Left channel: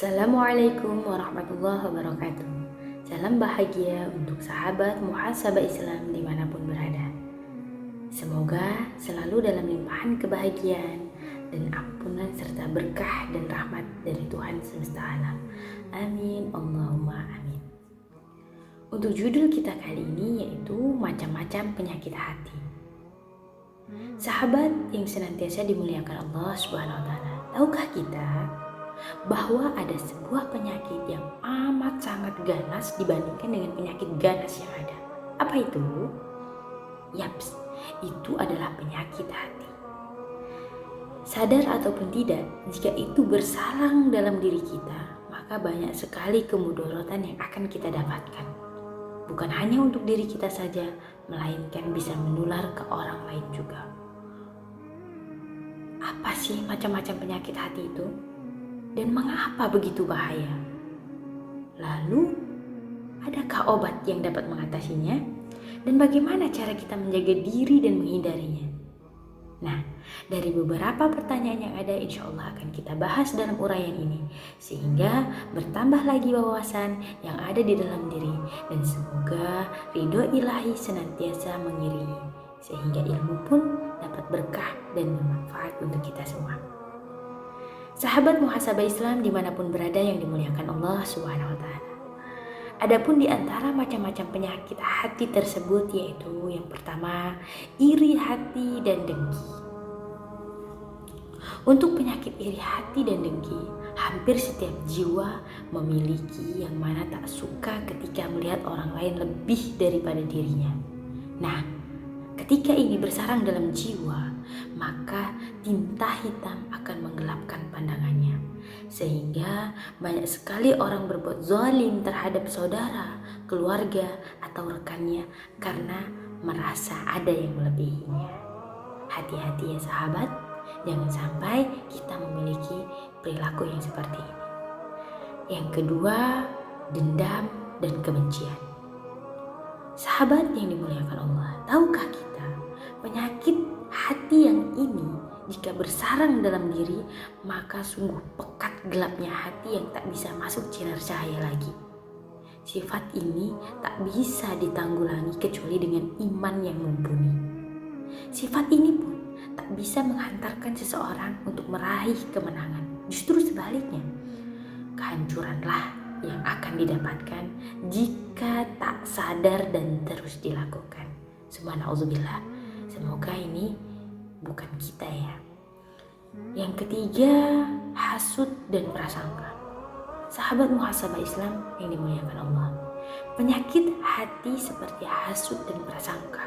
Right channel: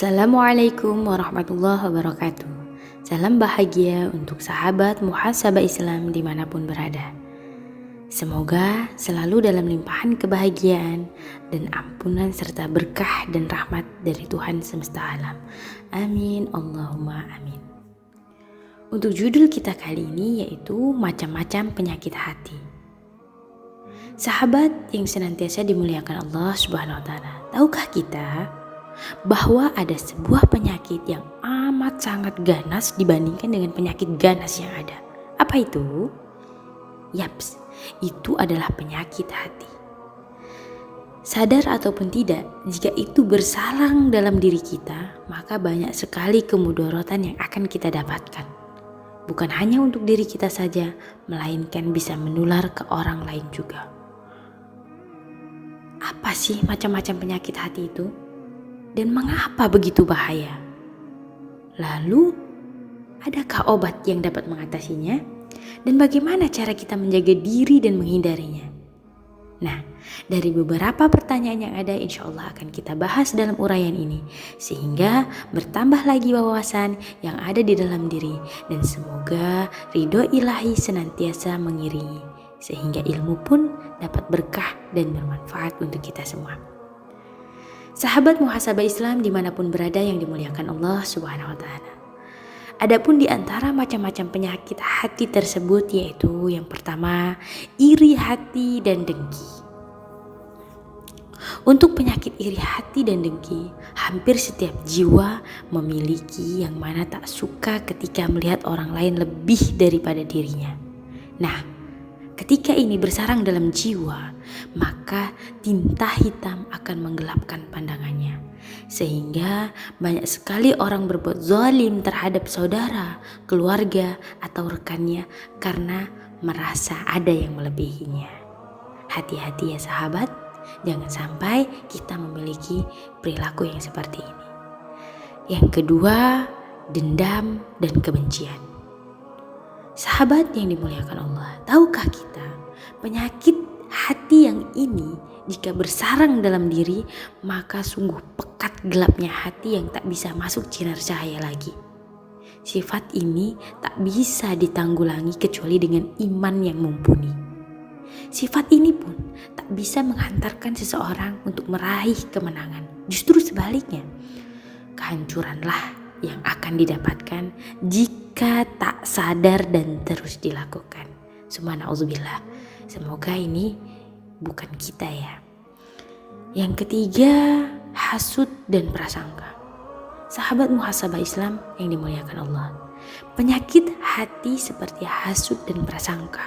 Assalamualaikum warahmatullahi wabarakatuh. Salam bahagia untuk sahabat muhasabah Islam dimanapun berada. Semoga selalu dalam limpahan kebahagiaan dan ampunan serta berkah dan rahmat dari Tuhan semesta alam. Amin, Allahumma amin. Untuk judul kita kali ini yaitu macam-macam penyakit hati. Sahabat yang senantiasa dimuliakan Allah Subhanahu wa taala. Tahukah kita bahwa ada sebuah penyakit yang amat sangat ganas dibandingkan dengan penyakit ganas yang ada? Apa itu? Yaps, itu adalah penyakit hati. Sadar ataupun tidak, jika itu bersarang dalam diri kita, maka banyak sekali kemudaratan yang akan kita dapatkan. Bukan hanya untuk diri kita saja, melainkan bisa menular ke orang lain juga. Apa sih macam-macam penyakit hati itu? Dan mengapa begitu bahaya? Lalu, adakah obat yang dapat mengatasinya? Dan bagaimana cara kita menjaga diri dan menghindarinya? Nah, dari beberapa pertanyaan yang ada, insya Allah akan kita bahas dalam uraian ini, sehingga bertambah lagi wawasan yang ada di dalam diri, dan semoga ridho ilahi senantiasa mengiringi, sehingga ilmu pun dapat berkah dan bermanfaat untuk kita semua. Sahabat muhasabah Islam dimanapun berada yang dimuliakan Allah Subhanahu wa taala. Adapun di antara macam-macam penyakit hati tersebut yaitu yang pertama, iri hati dan dengki. Untuk penyakit iri hati dan dengki, hampir setiap jiwa memiliki yang mana tak suka ketika melihat orang lain lebih daripada dirinya. Nah, ketika ini bersarang dalam jiwa, maka tinta hitam akan menggelapkan pandangannya. Sehingga banyak sekali orang berbuat zalim terhadap saudara, keluarga, atau rekannya karena merasa ada yang melebihinya. Hati-hati ya sahabat, jangan sampai kita memiliki perilaku yang seperti ini. Yang kedua, dendam dan kebencian. Sahabat yang dimuliakan Allah, tahukah kita penyakit hati yang ini jika bersarang dalam diri, maka sungguh pekat gelapnya hati yang tak bisa masuk sinar cahaya lagi. Sifat ini tak bisa ditanggulangi kecuali dengan iman yang mumpuni. Sifat ini pun tak bisa menghantarkan seseorang untuk meraih kemenangan. Justru sebaliknya, kehancuranlah yang akan didapatkan jika tak sadar dan terus dilakukan. Subhanallah. Semoga ini bukan kita ya. Yang ketiga, hasud dan prasangka. Sahabat muhasabah Islam yang dimuliakan Allah. Penyakit hati seperti hasud dan prasangka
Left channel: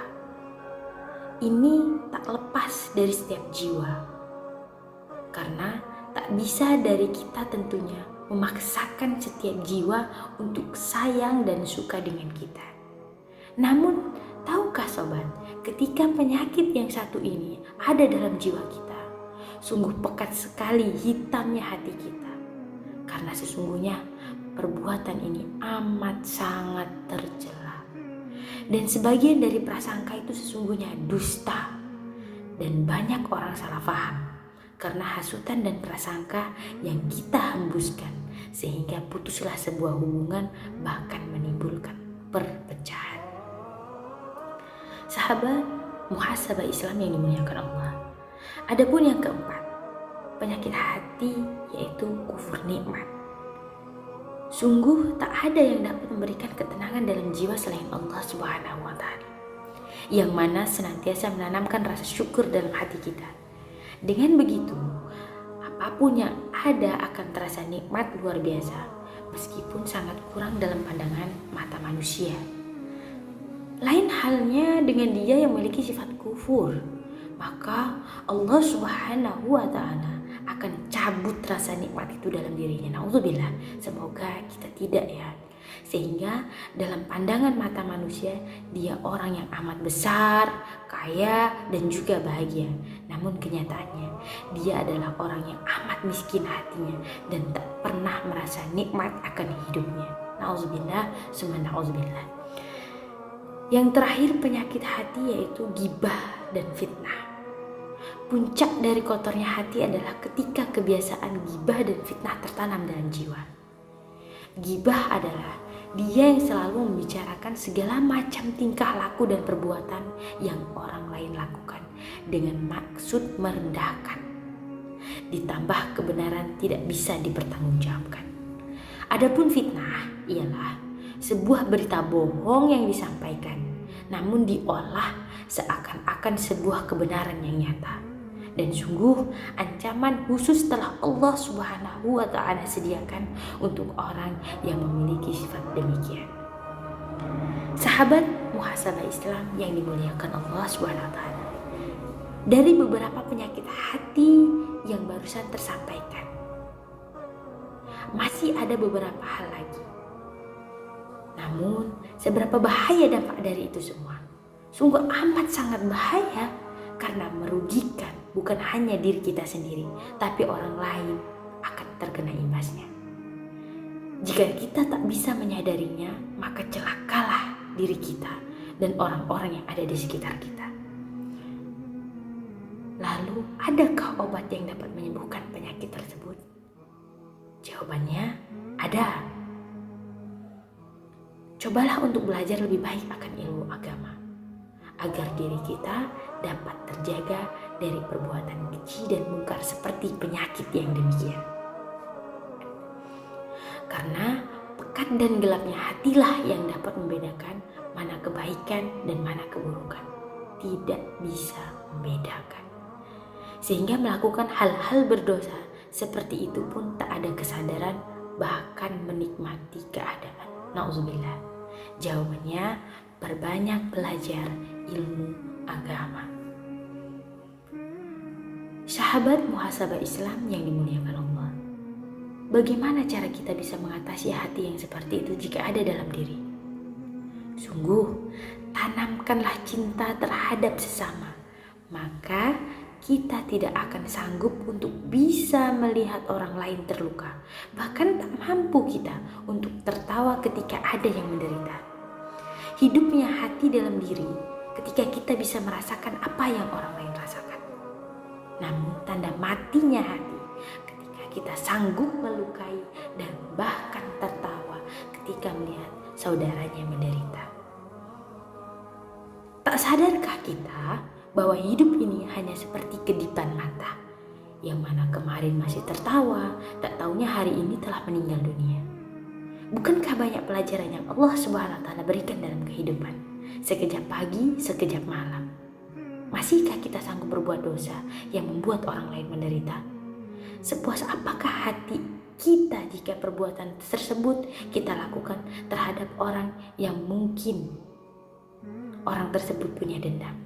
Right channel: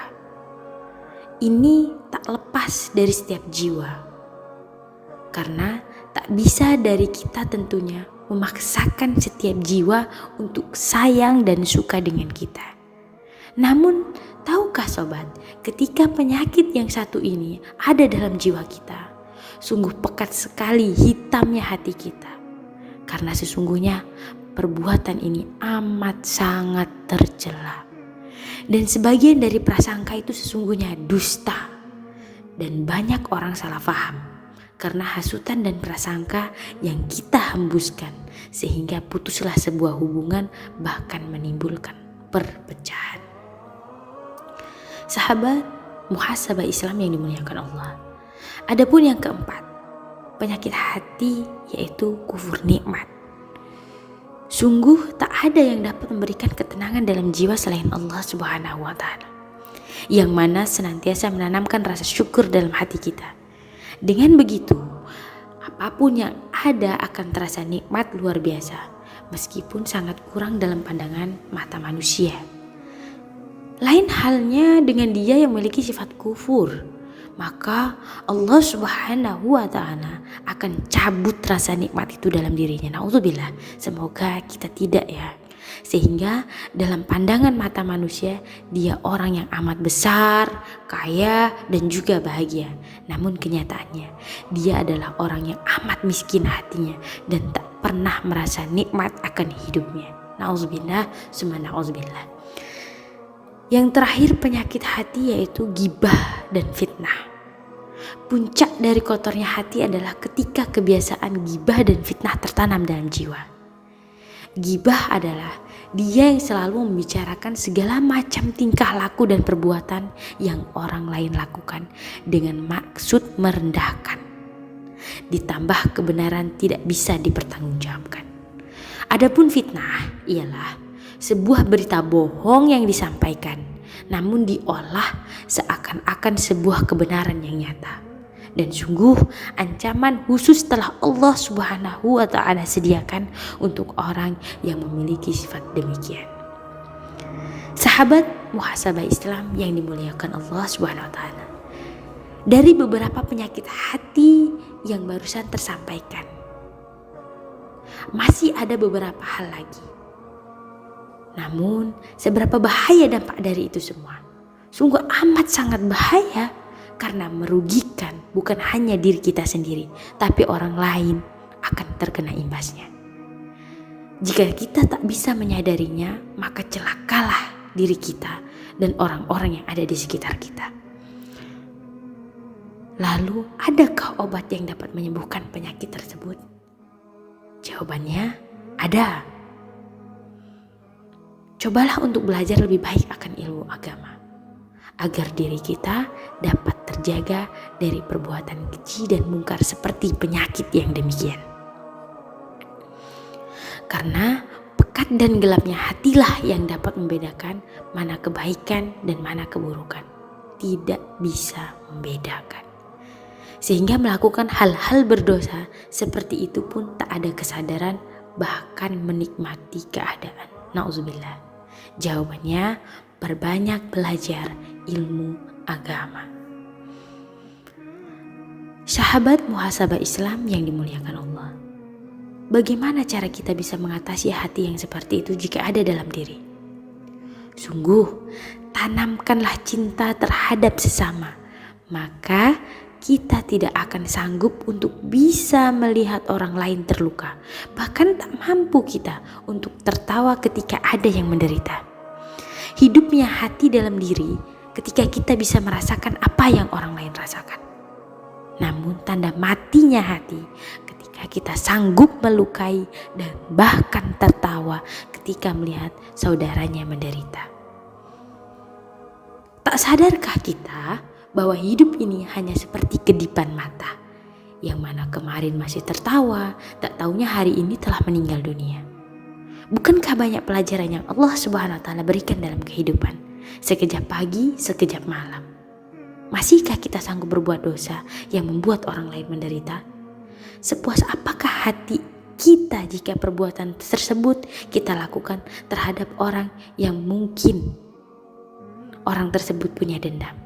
ini tak lepas dari setiap jiwa. Karena tak bisa dari kita tentunya memaksakan setiap jiwa untuk sayang dan suka dengan kita. Namun, tahukah sobat, ketika penyakit yang satu ini ada dalam jiwa kita, sungguh pekat sekali hitamnya hati kita. Karena sesungguhnya perbuatan ini amat sangat tercela. Dan sebagian dari prasangka itu sesungguhnya dusta. Dan banyak orang salah paham karena hasutan dan prasangka yang kita hembuskan, sehingga putuslah sebuah hubungan bahkan menimbulkan perpecahan. Sahabat muhasabah Islam yang dimuliakan Allah. Adapun yang keempat, penyakit hati yaitu kufur nikmat. Sungguh tak ada yang dapat memberikan ketenangan dalam jiwa selain Allah Subhanahu wa taala, yang mana senantiasa menanamkan rasa syukur dalam hati kita. Dengan begitu, apapun yang ada akan terasa nikmat luar biasa, meskipun sangat kurang dalam pandangan mata manusia. Lain halnya dengan dia yang memiliki sifat kufur, maka Allah Subhanahu wa taala akan cabut rasa nikmat itu dalam dirinya. Nauzubillah, semoga kita tidak ya. Sehingga dalam pandangan mata manusia, dia orang yang amat besar, kaya, dan juga bahagia. Namun kenyataannya, dia adalah orang yang amat miskin hatinya dan tak pernah merasa nikmat akan hidupnya. Nauzubillah, summa nauzubillah. Yang terakhir penyakit hati yaitu ghibah dan fitnah. Puncak dari kotornya hati adalah ketika kebiasaan gibah dan fitnah tertanam dalam jiwa. Gibah adalah dia yang selalu membicarakan segala macam tingkah laku dan perbuatan yang orang lain lakukan dengan maksud merendahkan. Ditambah kebenaran tidak bisa dipertanggungjawabkan. Adapun fitnah ialah sebuah berita bohong yang disampaikan, namun diolah seakan-akan sebuah kebenaran yang nyata. Dan sungguh ancaman khusus telah Allah Subhanahu wa Ta'ala sediakan untuk orang yang memiliki sifat demikian. Sahabat muhasabah Islam yang dimuliakan Allah Subhanahu wa Ta'ala, dari beberapa penyakit hati yang barusan tersampaikan, masih ada beberapa hal lagi. Namun seberapa bahaya dampak dari itu semua? Sungguh amat sangat bahaya, karena merugikan bukan hanya diri kita sendiri, tapi orang lain akan terkena imbasnya. Jika kita tak bisa menyadarinya, maka celakalah diri kita dan orang-orang yang ada di sekitar kita. Lalu, adakah obat yang dapat menyembuhkan penyakit tersebut? Jawabannya ada. Cobalah untuk belajar lebih baik akan ilmu agama, agar diri kita dapat terjaga dari perbuatan keji dan mungkar seperti penyakit yang demikian. Karena pekat dan gelapnya hatilah yang dapat membedakan mana kebaikan dan mana keburukan. Tidak bisa membedakan. Sehingga melakukan hal-hal berdosa seperti itu pun tak ada kesadaran, bahkan menikmati keadaan. Nauzubillah. Jawabannya, perbanyak belajar ilmu agama. Sahabat muhasabah Islam yang dimuliakan Allah, bagaimana cara kita bisa mengatasi hati yang seperti itu jika ada dalam diri? Sungguh, tanamkanlah cinta terhadap sesama, maka kita tidak akan sanggup untuk bisa melihat orang lain terluka. Bahkan tak mampu kita untuk tertawa ketika ada yang menderita. Hidupnya hati dalam diri ketika kita bisa merasakan apa yang orang lain rasakan. Namun tanda matinya hati ketika kita sanggup melukai dan bahkan tertawa ketika melihat saudaranya menderita. Tak sadarkah kita bahwa hidup ini hanya seperti kedipan mata, yang mana kemarin masih tertawa, tak taunya hari ini telah meninggal dunia. Bukankah banyak pelajaran yang Allah Subhanahu wa Ta'ala berikan dalam kehidupan? Sekejap pagi, sekejap malam. Masihkah kita sanggup berbuat dosa yang membuat orang lain menderita? Sepuas apakah hati kita jika perbuatan tersebut kita lakukan terhadap orang yang mungkin orang tersebut punya dendam?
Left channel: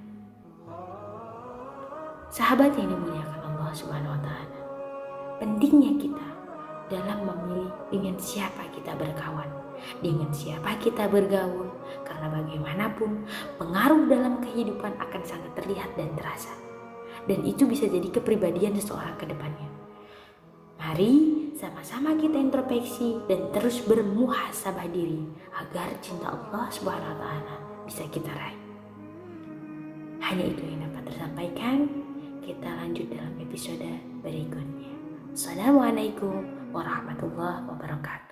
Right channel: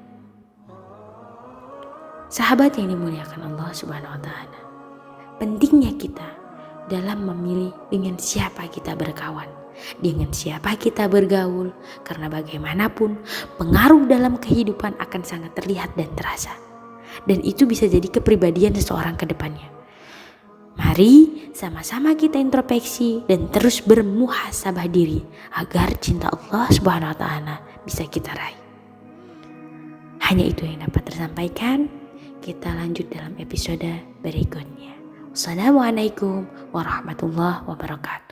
Sahabat yang dimuliakan Allah Subhanahu wa Ta'ala, pentingnya kita dalam memilih dengan siapa kita berkawan, dengan siapa kita bergaul, karena bagaimanapun pengaruh dalam kehidupan akan sangat terlihat dan terasa, dan itu bisa jadi kepribadian seseorang ke depannya. Mari sama-sama kita introspeksi dan terus bermuhasabah diri agar cinta Allah Subhanahu wa Ta'ala bisa kita raih. Hanya itu yang dapat tersampaikan. Kita lanjut dalam episode berikutnya. Assalamualaikum warahmatullahi wabarakatuh.